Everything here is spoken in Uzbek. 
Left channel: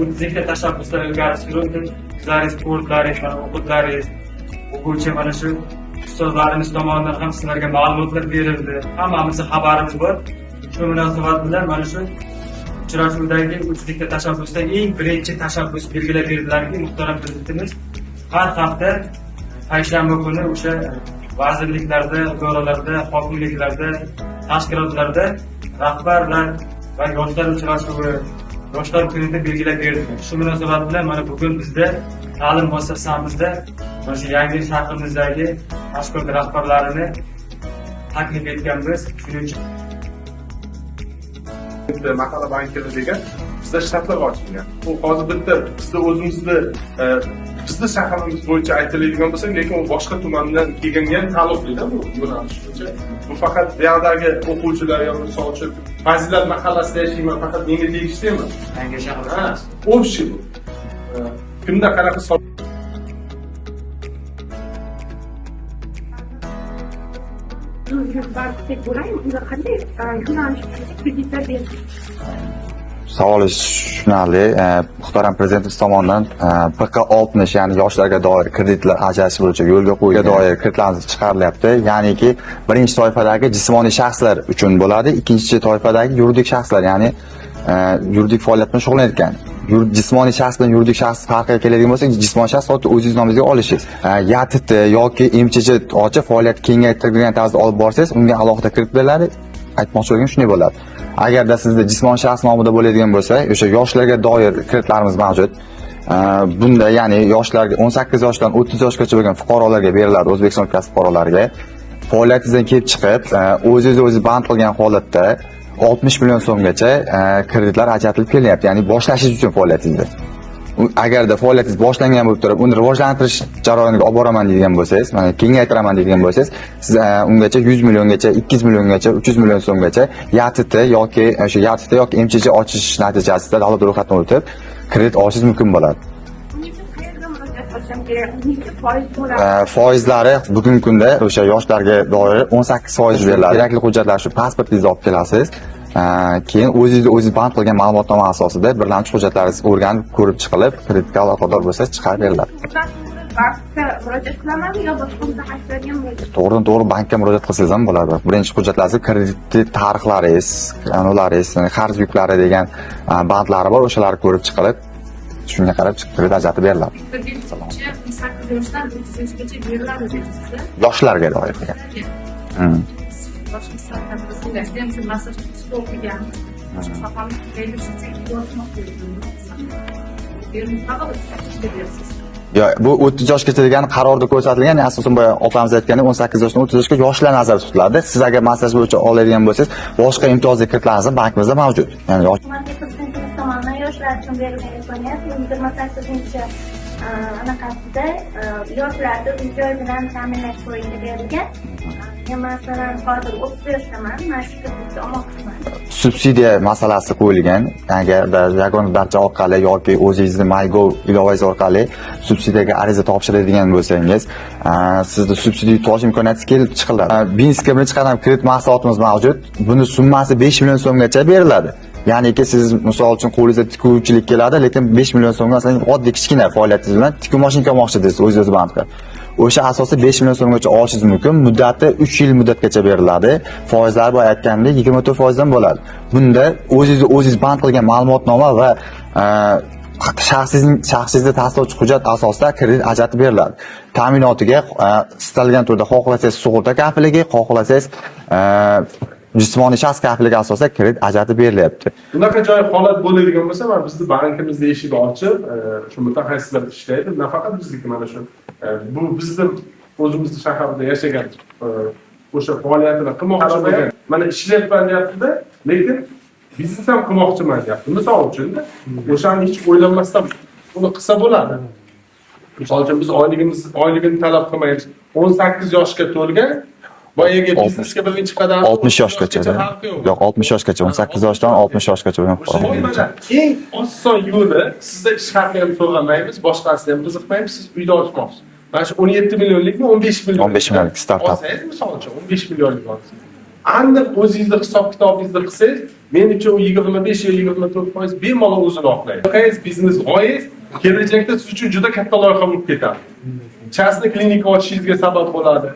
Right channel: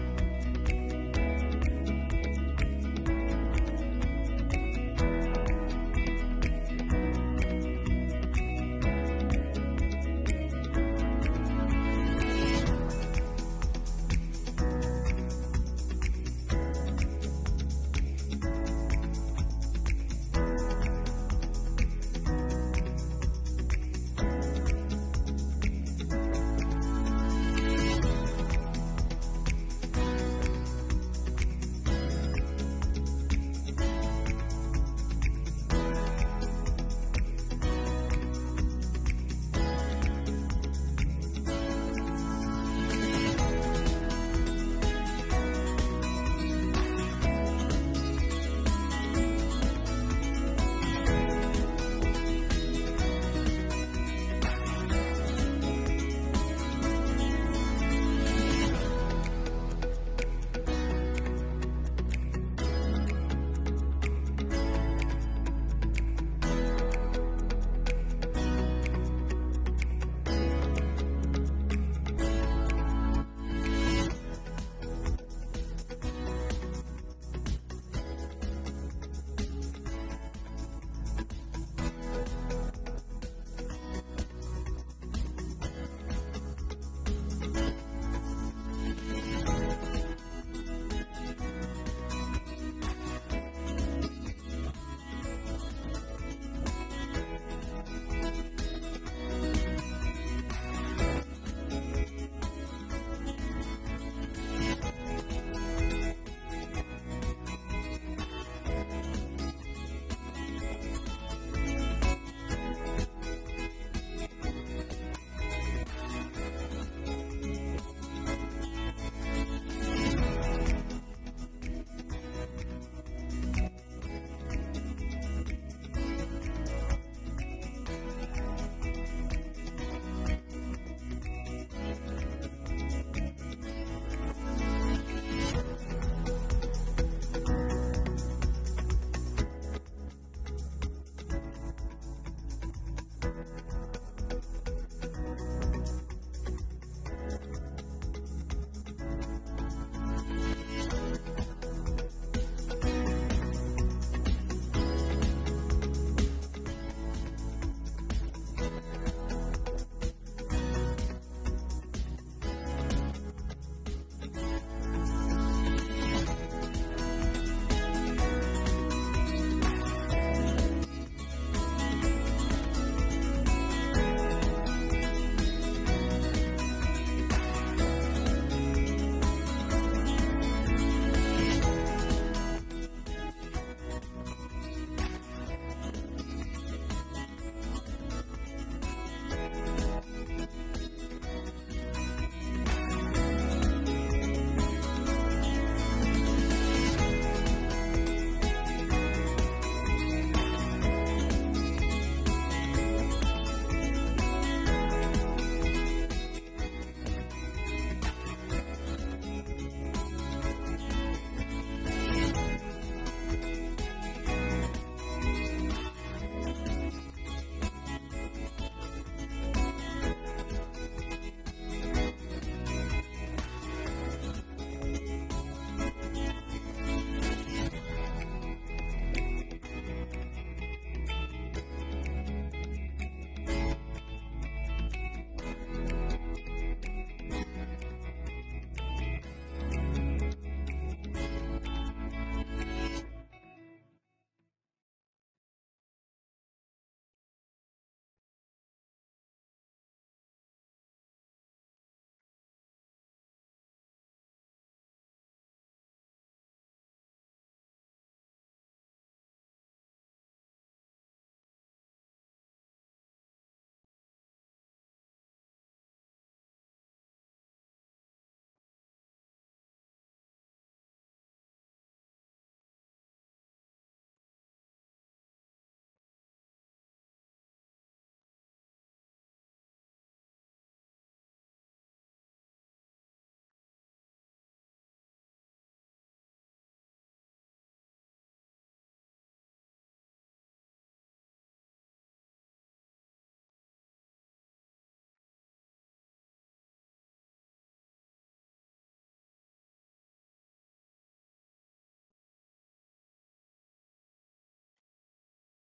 yuridik tashabbuslar ilgari surildi. Sizlaringiz sportlaringiz, o'qitlaringiz, o'quvchi mana shu ustozlarimiz tomonidan ham sizlarga ma'lumotlar berildi. Hammamizning xabarimiz bor. Shu munosabat bilan mana shu uchrashuvdagi yuridik tashabbusda eng birinchi tashabbus belgilab berdilarki, muhtaram prezidentimiz har hafta payshanba kuni o'sha vazirliklarda, idoralarda, hokimliklarda, tashkilotlarda rahbarlar va yoshlar uchrashuvi, yoshlar kunida belgilab berdi. Shu munosabat bilan mana bugun bizda ta'lim muassasamizda mana shu yangi shahrimizdagi tashkilot rahbarlarini taklif etganmiz. Shuning uchun Mahalla bankiri degan bizda shtatlar ochilgan. U hozir bitta bizda o'zimizni bizda shaharimiz bo'yicha aytiladigan bo'lsa, lekin u boshqa tumandan kelgan taalluqli-da bu yo'nalish. Bu faqat buyoqdagi o'quvchilar yoki misol uchun Fazilat mahallasida yashayman, faqat menga tegishli emas. yangi shahar Общий. Kimda qanaqa Savolingiz tushunarli. Muhtaram prezidentimiz tomonidan PK60 ya'ni yoshlarga doir kreditlar ajratish bo'yicha yo'lga qo'yilgan doir kreditlarimiz chiqarilyapti. Ya'niki birinchi toifadagi jismoniy shaxslar uchun bo'ladi, ikkinchi toifadagi yuridik shaxslar, ya'ni yuridik faoliyat bilan shug'ullanayotgan. Jismoniy shaxs bilan yuridik shaxs farqiga keladigan bo'lsak, jismoniy shaxs xuddi o'zingiz nomingizga olishingiz. YATT yoki MCH ochib faoliyat kengaytirilgan tarzda olib borsangiz, unga alohida kredit beriladi. Aytmoqchi bo'lganim shunday bo'ladi. Agarda sizda jismoniy shaxs nomida bo'ladigan bo'lsa, o'sha yoshlarga doir kreditlarimiz mavjud. Bunda ya'ni yoshlarga 18 yoshdan 30 yoshgacha bo'lgan fuqarolarga beriladi, O'zbekiston kasb fuqarolariga. Faoliyatingizdan kelib chiqib, o'zingiz band qilgan holatda 60 million so'mgacha kreditlar ajratilib kelyapti. Ya'ni boshlashingiz uchun faoliyatingizni. Agarda faoliyatingiz boshlangan bo'lib turib, uni rivojlantirish jarayoniga olib boraman deydigan bo'lsangiz, mana kengaytiraman deydigan bo'lsangiz, siz ungacha 100 milliongacha, 200 milliongacha, 300 million so'mgacha YATT yoki o'sha YATT yoki MCH ochish natijasida davlat ro'yxatidan o'tib kredit olishingiz mumkin bo'ladi. Foizlari bugungi kunda o'sha yoshlarga doir 18% beriladi. Kerakli hujjatlar shu pasportingizni olib kelasiz. Keyin o'zingiz band qilgan ma'lumotnoma asosida birlamchi hujjatlaringiz o'rganib, ko'rib chiqilib, kreditga aloqador bo'lsangiz chiqarib beriladi. Bankka murojaat qilamanmi yo boshqa mutaxassislarga murojaat? To'g'ridan-to'g'ri bankka murojaat qilsangiz ham bo'ladi. Birinchi hujjatlaringiz, kredit tarixlaringiz, anularingiz, qarz yuklari degan bandlari bor, o'shalarni ko'rib chiqilib, shunga qarab kredit ajratib beriladi. 18 yoshdan 30 yoshgacha beriladi deyapsiz. Yoshlarga doir degan. Yo, bu 30 yoshgacha degan qarorda ko'rsatilgan, asosan boya opamiz aytgani 18 yoshdan 30 yoshga yoshlar nazarda tutiladi. Siz agar maslahat bo'yicha oladigan bo'lsangiz, boshqa imtiyozli kreditlaringiz ham bankimizda mavjud. Ya'ni tomonidan yoshlar uchun berilgan imkoniyat 28-anaqasida yoshlarni uy-joy bilan ta'minlash bo'yicha berilgan. Masalan, hozir 30 yoshdaman, mana shu kreditni olmoqchiman. Subsidiya masalasi qo'yilgan. Agarda yagona darcha orqali yoki o'zingizning MyGov ilovangiz orqali subsidiyaga ariza topshiradigan bo'lsangiz, sizda subsidiya yutish imkoniyatingiz kelib chiqiladi. Binskka birinchi qadam kredit mahsulotimiz mavjud. Buni summasi 5 million so'mgacha beriladi. Ya'niki siz misol uchun qo'lingizda tikuvchilik keladi, lekin 5 million so'mga masalan oddiy kichkina faoliyatingiz bilan tikuv mashinka olmoqchi deysiz, o'zingiz band qilib. O'sha asosda 5 million so'mgacha olishingiz mumkin. Muddati 3 yil muddatgacha beriladi. Foizlari boya aytgandek 24% dan bo'ladi. Bunda o'zingiz band qilgan ma'lumotnoma va shaxsingizga tasdiqlovchi hujjat asosida kredit ajratib beriladi. Ta'minotiga istalgan turda xohlasangiz sug'urta kafilligi, xohlasangiz jismoniy shaxs kafilligi asosida kredit ajratib berilyapti. Bunaqa joy holat bo'ladigan bo'lsa, mana bizni bankimizda eshik ochib, shu mutaxassislar ishlaydi. Nafaqat bizniki mana shu. Bu bizni o'zimizning shaharda yashagan o'sha faoliyatini qilmoqchi bo'lgan. Mana ishlayapman deyapti-da, lekin biznes ham qilmoqchiman deyapti. Misol uchun o'shani hech o'ylanmasdan uni qilsa bo'ladi. Misol uchun biz oyligini talab qilmaymiz. 18 yoshga to'lgan boyaga biznesga birinchi qadam 60 yoshgacha. Yo'q, 60 yoshgacha, 18 yoshdan 60 yoshgacha bo'lgan fuqarolar. Eng oson yo'li, sizda ish haqi ham so'ramaymiz, boshqasini ham qiziqmaymiz, siz uyda ochmoqchisiz. Mana shu 17 millionlikmi, 15 million. 15 millionlik startap. Olsangiz misol uchun 15 millionlik olsangiz. aniq o'zingizni hisob kitobingizni qilsangiz, men uchun u 25 yo 24% bemalol o'zini oqlaydi. Loyihangiz, biznes g'oyangiz kelajakda siz uchun juda katta loyiha bo'lib ketadi. Частный klinika ochishingizga sabab bo'ladi.